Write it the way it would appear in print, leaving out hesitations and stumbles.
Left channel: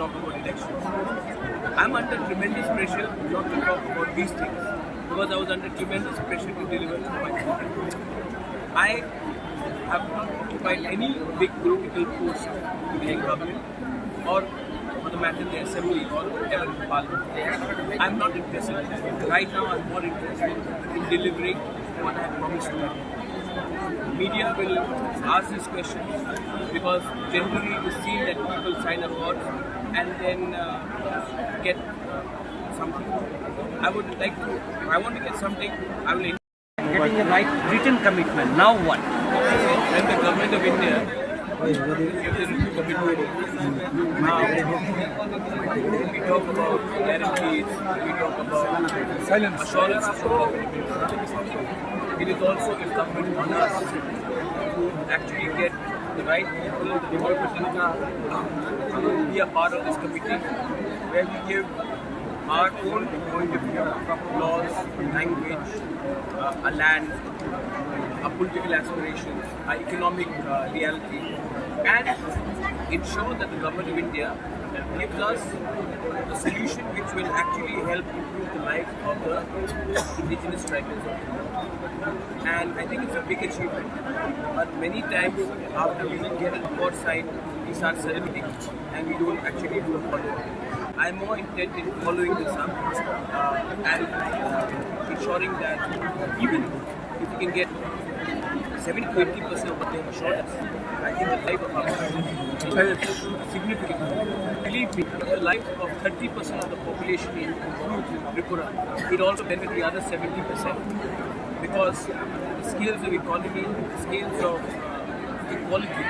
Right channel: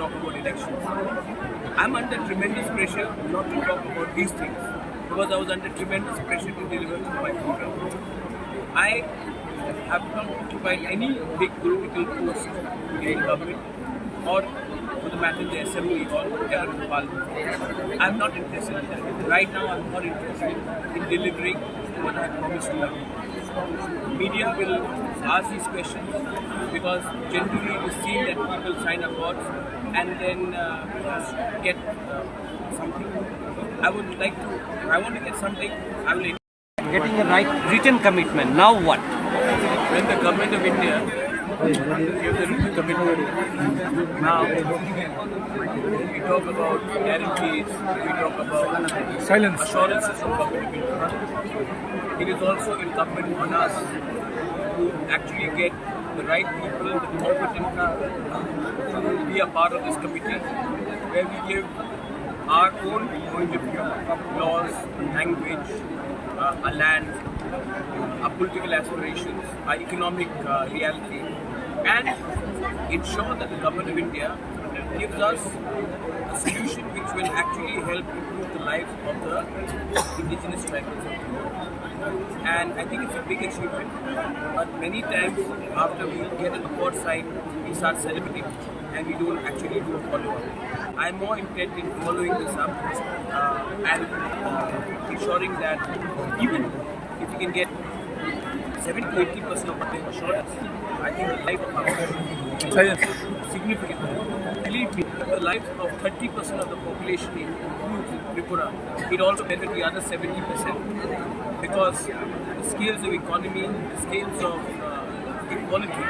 talk about elections. I'm under tremendous pressure not to talk about these things because I was under tremendous pressure to deliver to my children. I have not occupied any big political post in government or for the matter in the assembly or ever in the parliament. I'm not interested in that. Right now I'm more interested in delivering what I have promised to my people. Media will ask these questions because generally it is seen that people sign accords and then get something. I would like to, if I want to get something, I will. Getting the right written commitment. Now what? When the government of India gives a written commitment, now we talk about guarantees, we talk about assurances from government of India. It is also incumbent on us to actually get the right people, the competent people, to be a part of this committee where we give our own point of view, laws, language, our land, our political aspirations, our economic reality, and ensure that the government of India gives us a solution which will actually help improve the lives of the indigenous tribals of the world. And I think it's a big achievement, but many times after we get an accord signed, we start celebrating and we don't actually do a follow-up. I'm more intent in following this up and ensuring that even if we can get 70 to 80% of what they have assured us, I think the life of our people is significant. Believe me, if the life of 30% of the population improves in Tripura, it also benefits the other 70% because the scales of economy, the scales of equality